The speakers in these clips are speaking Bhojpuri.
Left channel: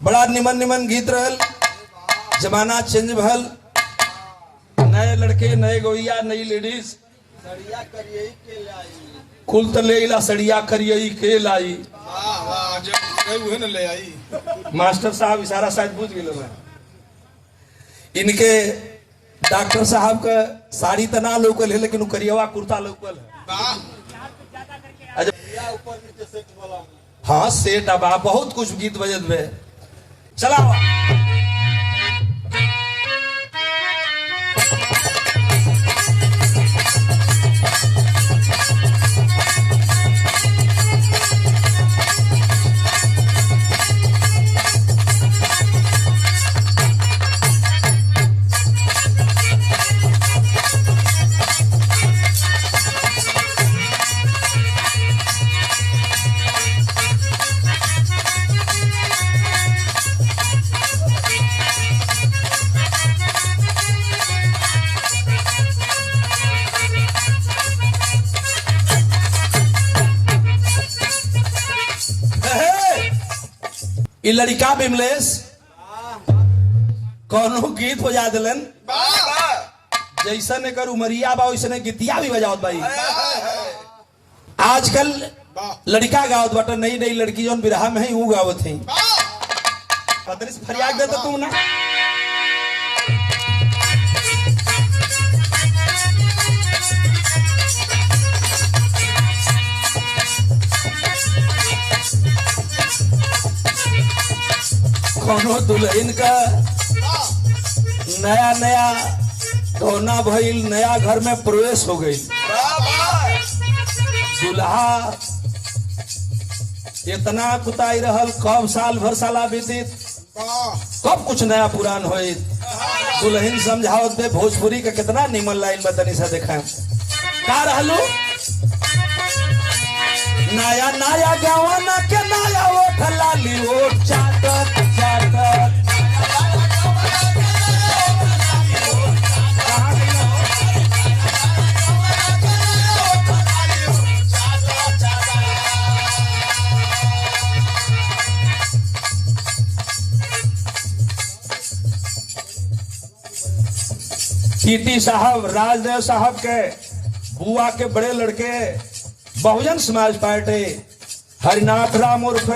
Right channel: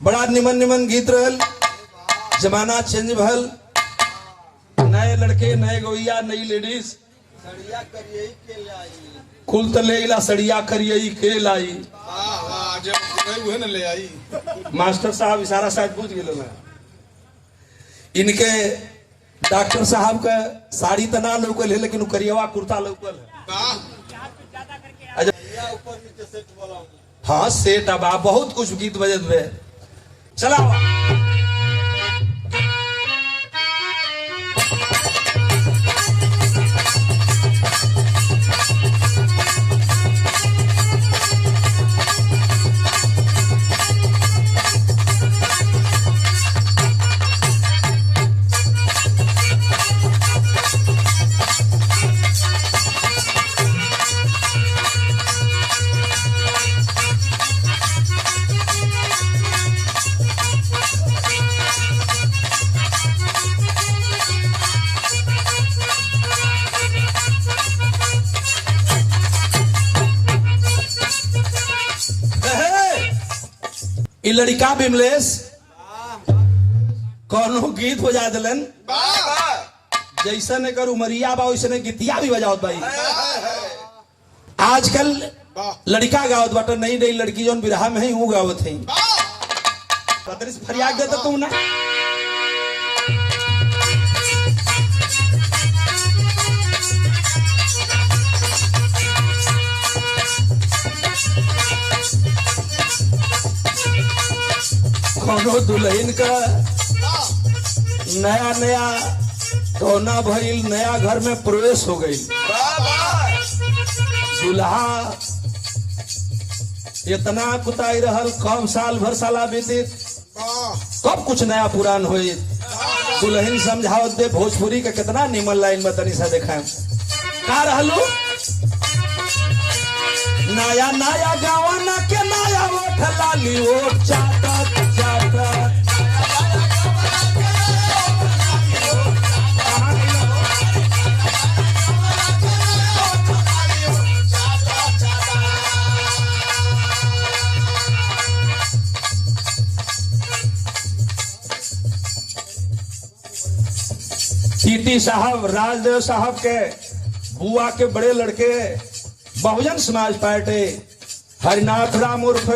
बड़ा निमन निमन गीत रहल। जमाना चेंज भल, नए लड़के नए गोइया नई लेडीज, सड़िया करिए के लाई। कुल तो ले ला सड़िया करियई के लाई। वाह वाह, जब गई न ले आई। मास्टर साहब इशारा शायद बुझ गए मैं। इनके डॉक्टर साहब का साड़ी तो ना लोकल है, लेकिन करियवा कुर्ता लोकल है। वाह, अच्छा, ऊपर नीचे सेट बोला। हाँ सेठ अब बहुत कुछ गीत बजत में चला। इ लड़का बिमलेश कौनो गीत बजा दिलन, जैसन एकर उमरिया बा वैसने गीतिया भी बजावत भाई। आजकल लड़का गावत बाटा, नई नई लड़की जौन बिरहा में है वो गावत है। फरियाद देता तुम ना। दुल्हन का नया नया रोना भइल, नया घर में प्रवेश हो गई। दुल्हा इतना कुताई रहल, कब साल भर साला बीते, कब कुछ नया पुरान होए। दुल्हन समझावत दे भोजपुरी का कितना निमन लाइन में तनी सा देखा का रहलू। नया नया जवाना के नया ओठ लाली ओठ चाटत चाटत। टीटी साहब, राजदेव साहब के बुआ के बड़े लड़के, बहुजन समाज पार्टी हरिनाथ राम उर्फ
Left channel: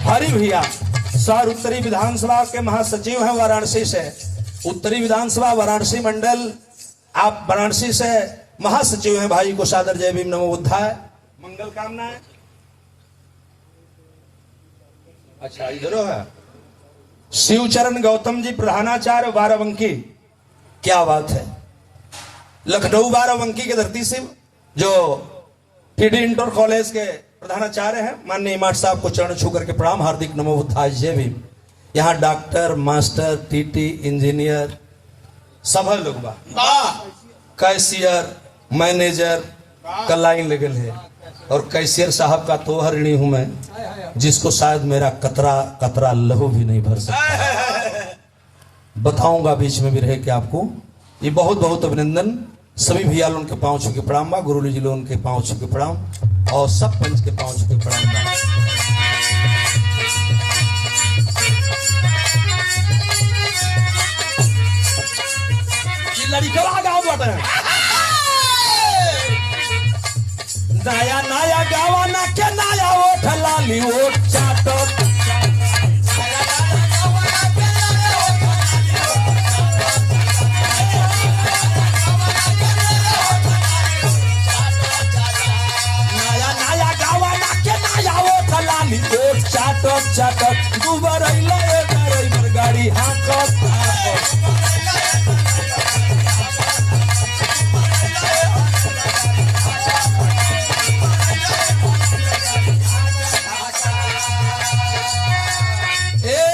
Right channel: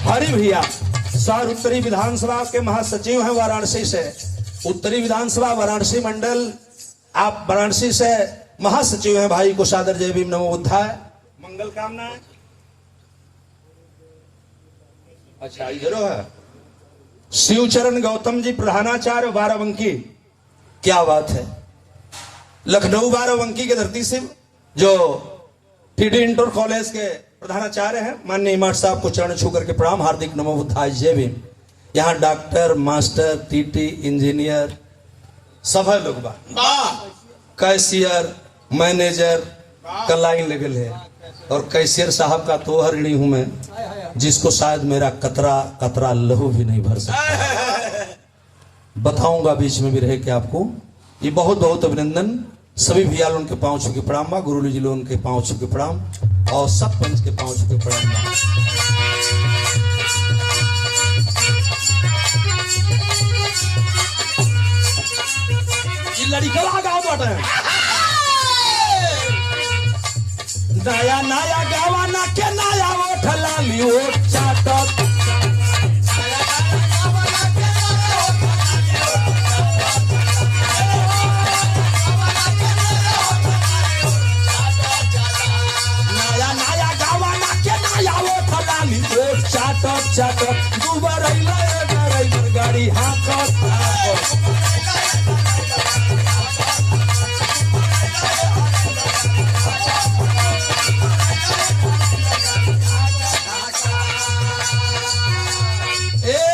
हरि भैया, सर उत्तरी विधानसभा के महासचिव हैं वाराणसी से। उत्तरी विधानसभा वाराणसी मंडल, आप वाराणसी से महासचिव हैं। भाई को सादर जय भीम नमो बुद्धाय, मंगल कामनाएं। अच्छा इधर है शिवचरण गौतम जी, प्रधानाचार्य बाराबंकी। क्या बात है, लखनऊ बाराबंकी के धरती से जो पीडी इंटर कॉलेज के प्रधानाचार्य हैं। माननीय इमाम साहब को चरण छू करके प्रणाम, हार्दिक नमो बुद्धाय जय भीम। यहाँ डॉक्टर, मास्टर, टीटी, इंजीनियर सब लोग बा, कैशियर, मैनेजर का लाइन लगल है। और कैशियर साहब का तो ऋणी हूं मैं, जिसको शायद मेरा कतरा कतरा लहू भी नहीं भर सकता। बताऊंगा बीच में भी रहे कि आपको ये बहुत बहुत अभिनंदन। सभी भैया उनके पांव छू के प्रणाम बा, गुरु जी लोग उनके पांव छू के प्रणाम, और सब पंच के पांव छू के प्रणाम। ये लड़का गाँव बाटे नया नया गावा ना के नया ओठ लाली ओठ चाटत। चाटत चाटत दुबर गाड़ी हाकत।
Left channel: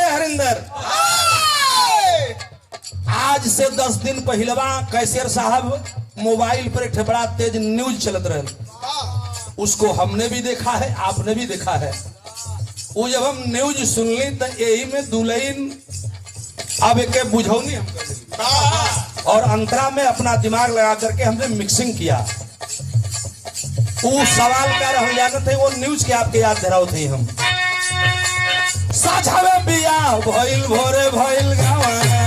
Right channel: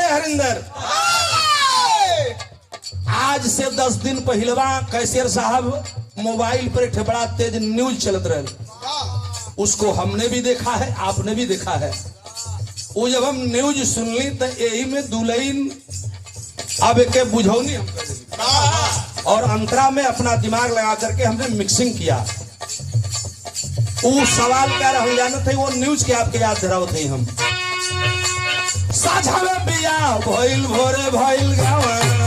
हरिंदर, आज से 10 दिन पहलवा कैशियर साहब मोबाइल पर एक बड़ा तेज न्यूज चलत रहे। उसको हमने भी देखा है, आपने भी देखा है। वो जब हम न्यूज सुन ली तो यही में दुल्हन अब एक बुझौनी और अंतरा में अपना दिमाग लगा करके हमने मिक्सिंग किया। वो सवाल का रह जाना थे, वो न्यूज के आपके याद धराव थे। हम साझावे बिया भइल भोरे भइल गवाना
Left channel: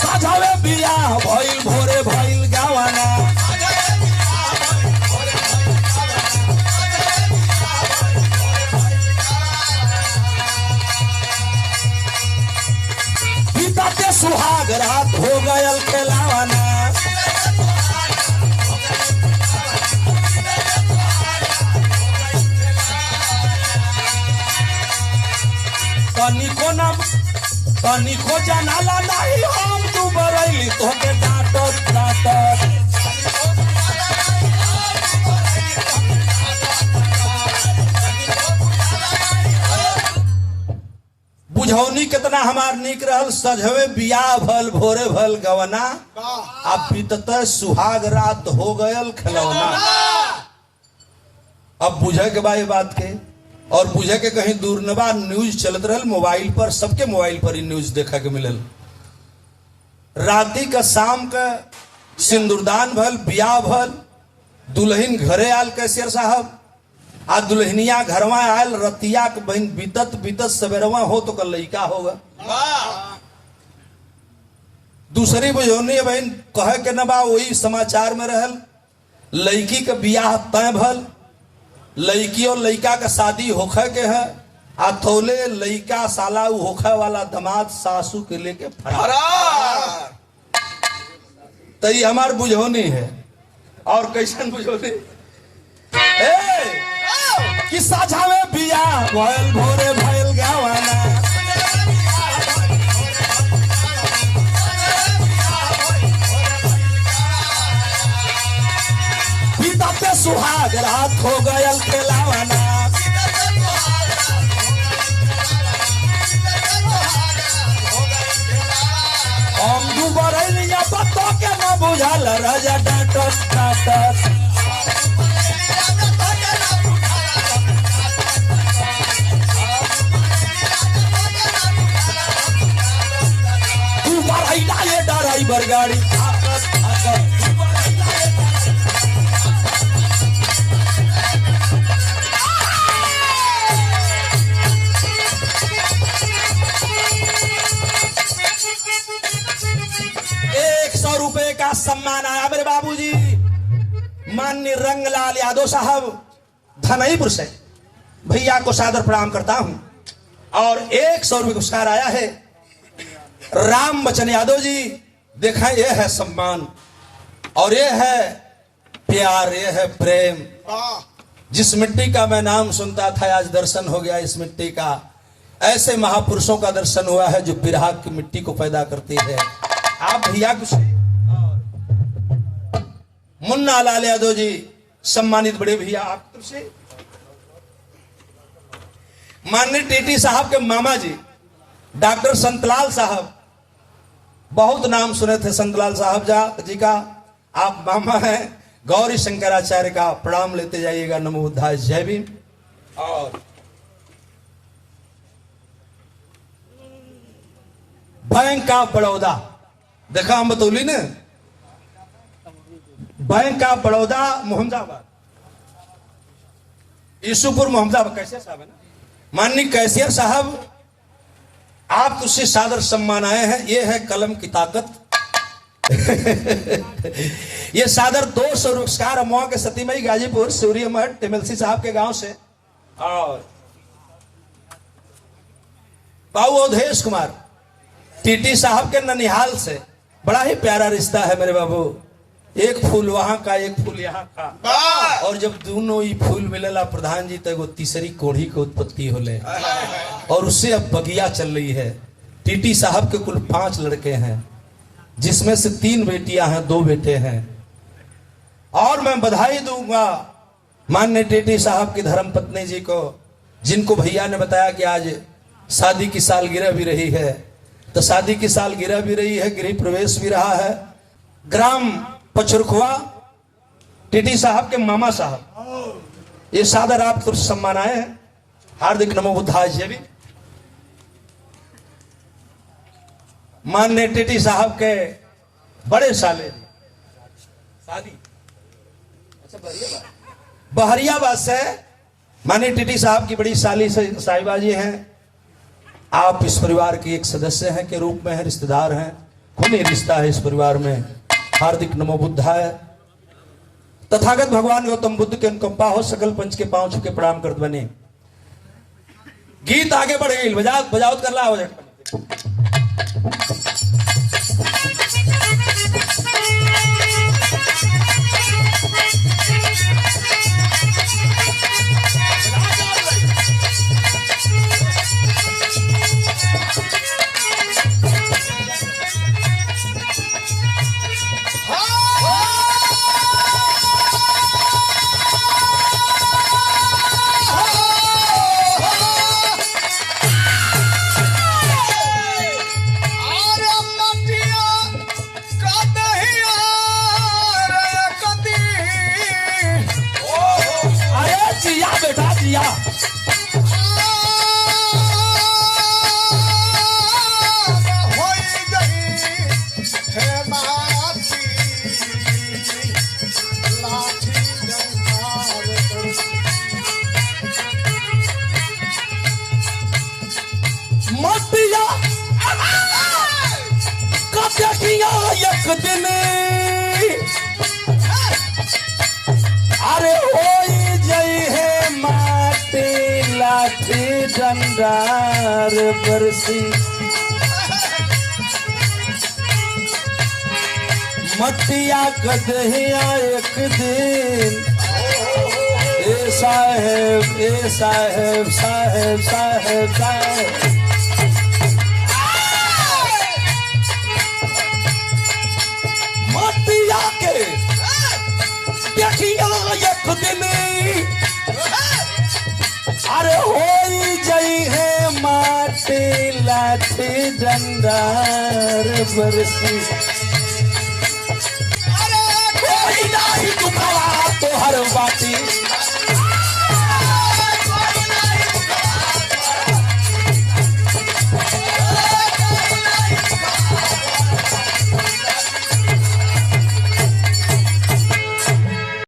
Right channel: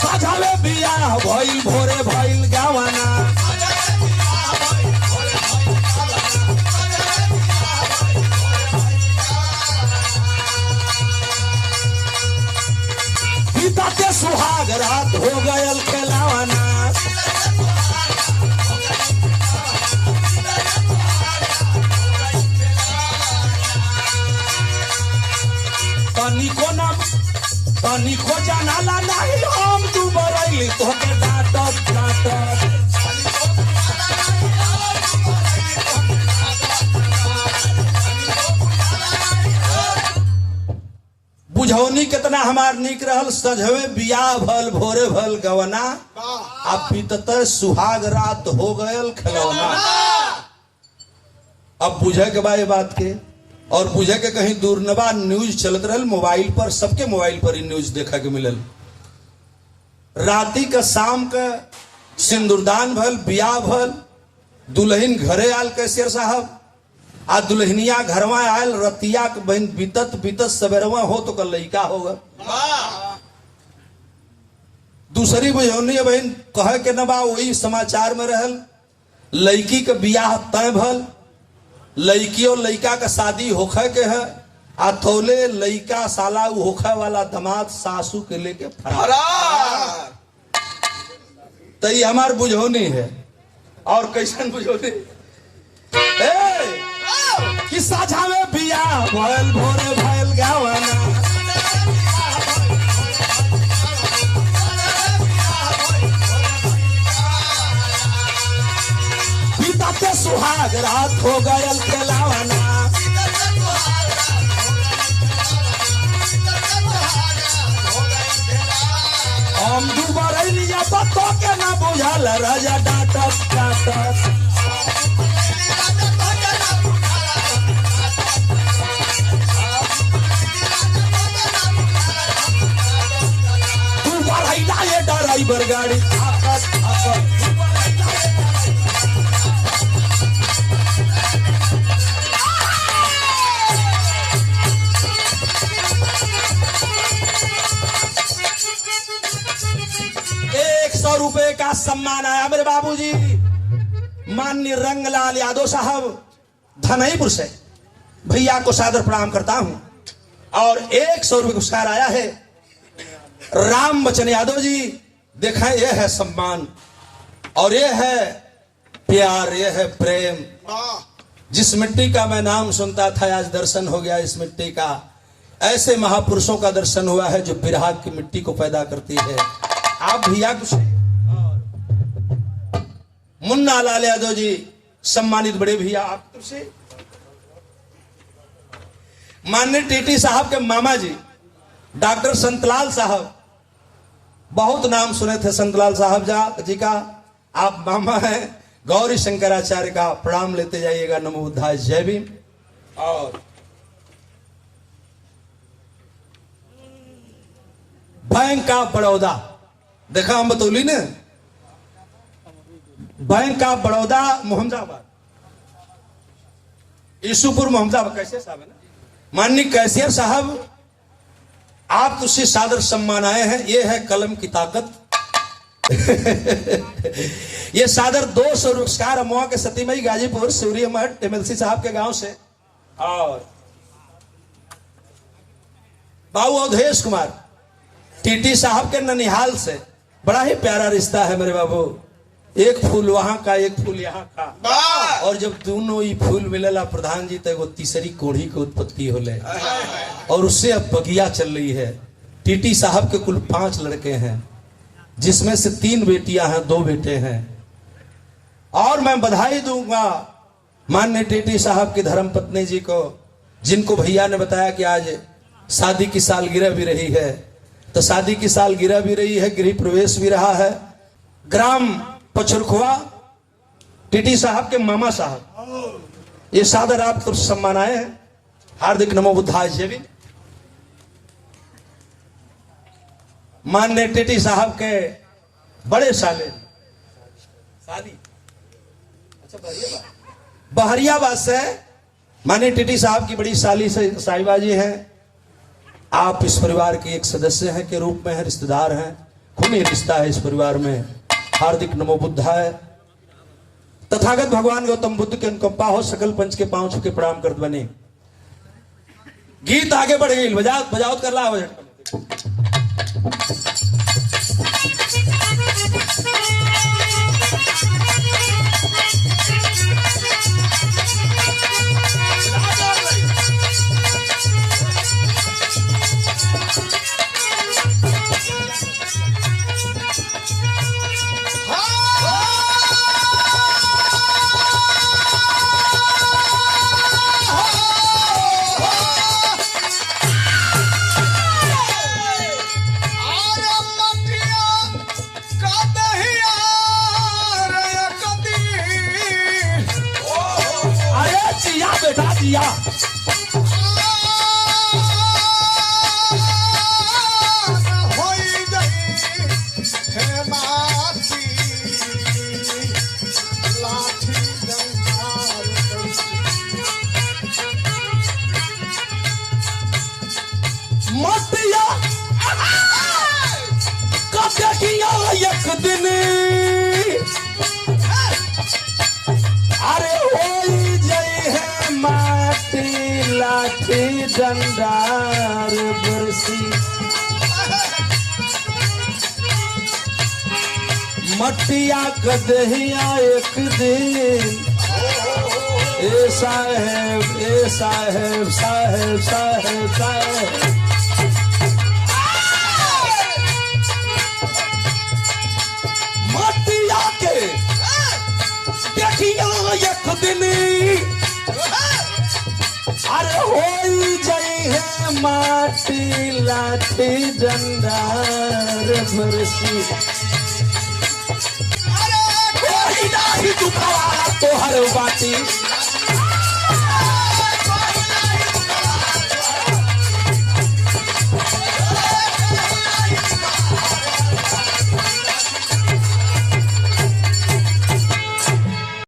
साझावे बिया भइल भोरे भइल गवाना बीतते सुहाग रात हो गयल खेलावाना पानी को जाना लगाई हम तुम रही तो के डांटत डांटत बुझौनी कितना हमार निक रहल सजवे बियाह भल भोरे भल गवना अब बीतत सुहाग रात हो गयल खिलौना। अब बुझे के बा ये बात के और बुझे के कहीं दूर न बा न्यूज चलत रहल मोबाइल पर सबके मोबाइल पर ही न्यूज देखा के मिलल। राती का शाम का सिंदूरदान भल बियाह भल दुल्हन घरे आयल कैसियर साहब आ दुल्हनिया घरवा आयल रतिया के बहन बीतत बीतत सवेरवा हो तो कल लइका होगा। दूसरी बजौनी बहन कहे के न बा वही समाचार में रहल लड़की का बियाह तय भल लड़की और लड़का का शादी होखे के है आ थोले लड़का साला होखे वाला दामाद सासू के लेके फरार तई हमार बुझौनी है। और कैसन बुझौनी कि साझावे बियाह भइल भोरे भइल गवाना बीतते सुहाग रात हो गयल खेलावाना हम दुबरई या बतो के न बुझल राजा डांटत डांटत ड्राइवर गाड़ी ₹100 का सम्मान आया मेरे बाबूजी माननीय रंगलाल यादव साहब धनईपुर से भैया को सादर प्रणाम करता हूं। और ₹100 पुरस्कार आया है राम बच्चन यादव जी देखा ये है सम्मान और ये है प्यार ये है प्रेम। जिस मिट्टी का मैं नाम सुनता था आज दर्शन हो गया इस मिट्टी का। ऐसे महापुरुषों का दर्शन हुआ है जो बिरहा की मिट्टी को पैदा करती है। आप भैया कुछ मुन्ना लाल यादव जी सम्मानित बड़े भैया आप से माननीय टीटी साहब के मामा जी डॉक्टर संतलाल साहब बहुत नाम सुने थे संतलाल साहब जी का आप मामा हैं। गौरी शंकराचार्य का प्रणाम लेते जाइएगा। नमो बुद्धाय जय भीम। और बैंक ऑफ बड़ौदा देखा हम बतौली ने बैंक ऑफ बड़ौदा मोहम्मदाबाद ईसुपुर मोहम्मदाबाद कैसे साहब है ना माननीय कैशियर साहब आपको से सादर सम्मान आए हैं। ये है कलम की ताकत ये सादर 200 पुरस्कार अमवा के सतीमई गाजीपुर सूर्य मठ एमएलसी साहब के गांव से और बाबू अवधेश कुमार टीटी साहब के ननिहाल से बड़ा ही प्यारा रिश्ता है मेरे बाबू। एक फूल वहां का एक फूल यहाँ का और जब दोनों ही फूल मिलेला प्रधान जी तो तीसरी कोढ़ी की उत्पत्ति होले और उससे अब बगिया चल रही है। टीटी साहब के कुल 5 लड़के हैं जिसमें से 3 बेटियां हैं 2 बेटे हैं। और मैं बधाई दूंगा माननीय टीटी साहब की धर्मपत्नी जी को जिनको भैया ने बताया कि आज शादी की सालगिरह भी रही है। तो शादी की सालगिरह भी रही है गृह प्रवेश भी रहा है। ग्राम पचुरखुआ टीटी साहब के मामा साहब ये सादर आपको सम्मान आए हैं। हार्दिक नमो बुद्धाय जय भीम। माननीय टीटी साहब के बड़े साले साली, अच्छा बहरियाबाद से माने टीटी साहब की बड़ी साली से साहिबा जी हैं। आप इस परिवार के एक सदस्य हैं के रूप में है, रिश्तेदार हैं, खूनी रिश्ता है इस परिवार में। हार्दिक नमो बुद्धाय। तथागत भगवान गौतम बुद्ध के अनुकंपा हो, सकल पंच के पांव छू के प्रणाम करत बने। गीत आगे बढ़ गई, बजाओ कर ला आवाज। दिया मटिया कटिया एक दिन अरे होई जई है माटी लाठी डंडार बरसी मटिया कदहिया एक दिन ए साहेब मटिया के देखिया एक दिन अरे होई जई है माटी लाठी डंडार बरसी